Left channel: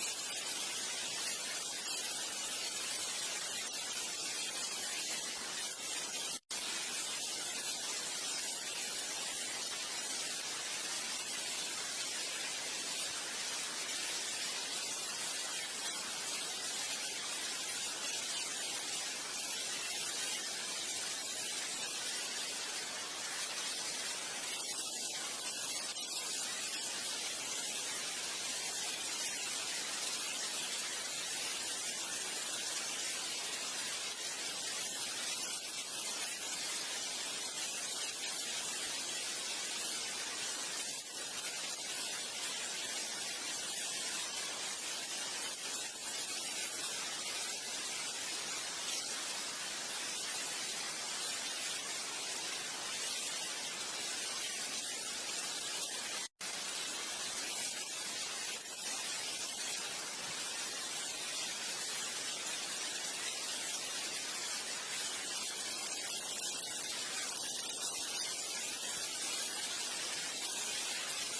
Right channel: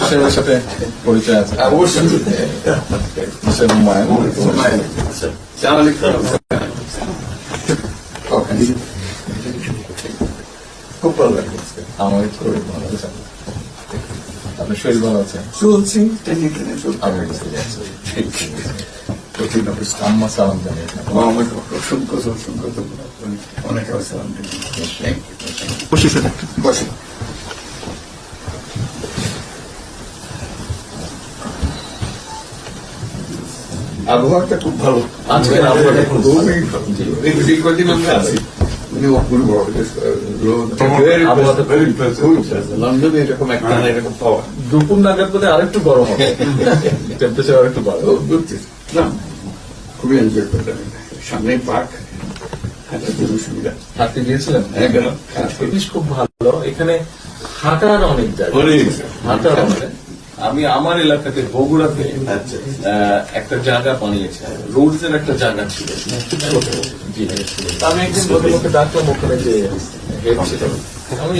সাহেবের সাথে পরিচয় আছে অবশ্যই হুমায়ুন খুব ভালো লাগে আমার শরীর ভালো আছে আপনার শরীর ভালো আছে চলছি টেনে টেনে চলছে আমি কঠিন অবস্থা আম্মা সালাম জানিয়ে আমার অসংখ্য অসংখ্য অনেক সালাম বসে আবহাওয়াটা খুব ভালো আজকের আবহাওয়াটা খুব ভালো। এই কদিন আমরা আছি লন্ডনে এরকম একটা এরকম পাওয়া দুপুর নাগাদ বোধ আরেকটু গরম হবে টেম্পারেচার আরেকটু বাড়বে খুবই এনজয় করতেন সামনে পার্ক সুবিধা হাঁটতে গিয়েছিলেন হ্যাঁ গেল জিনিস খুব ভালো এখানে হাঁটার অনেক জায়গা হাঁটার অনেক আমি আমার এলাকাতে বগুড়াতে একটা জায়গা বানিয়েছে রোডস এর একটা জায়গা ছিল জি আমি একদিন ভদ্রলোককে ডাকলাম ওখানে যে হেড ছিল আমি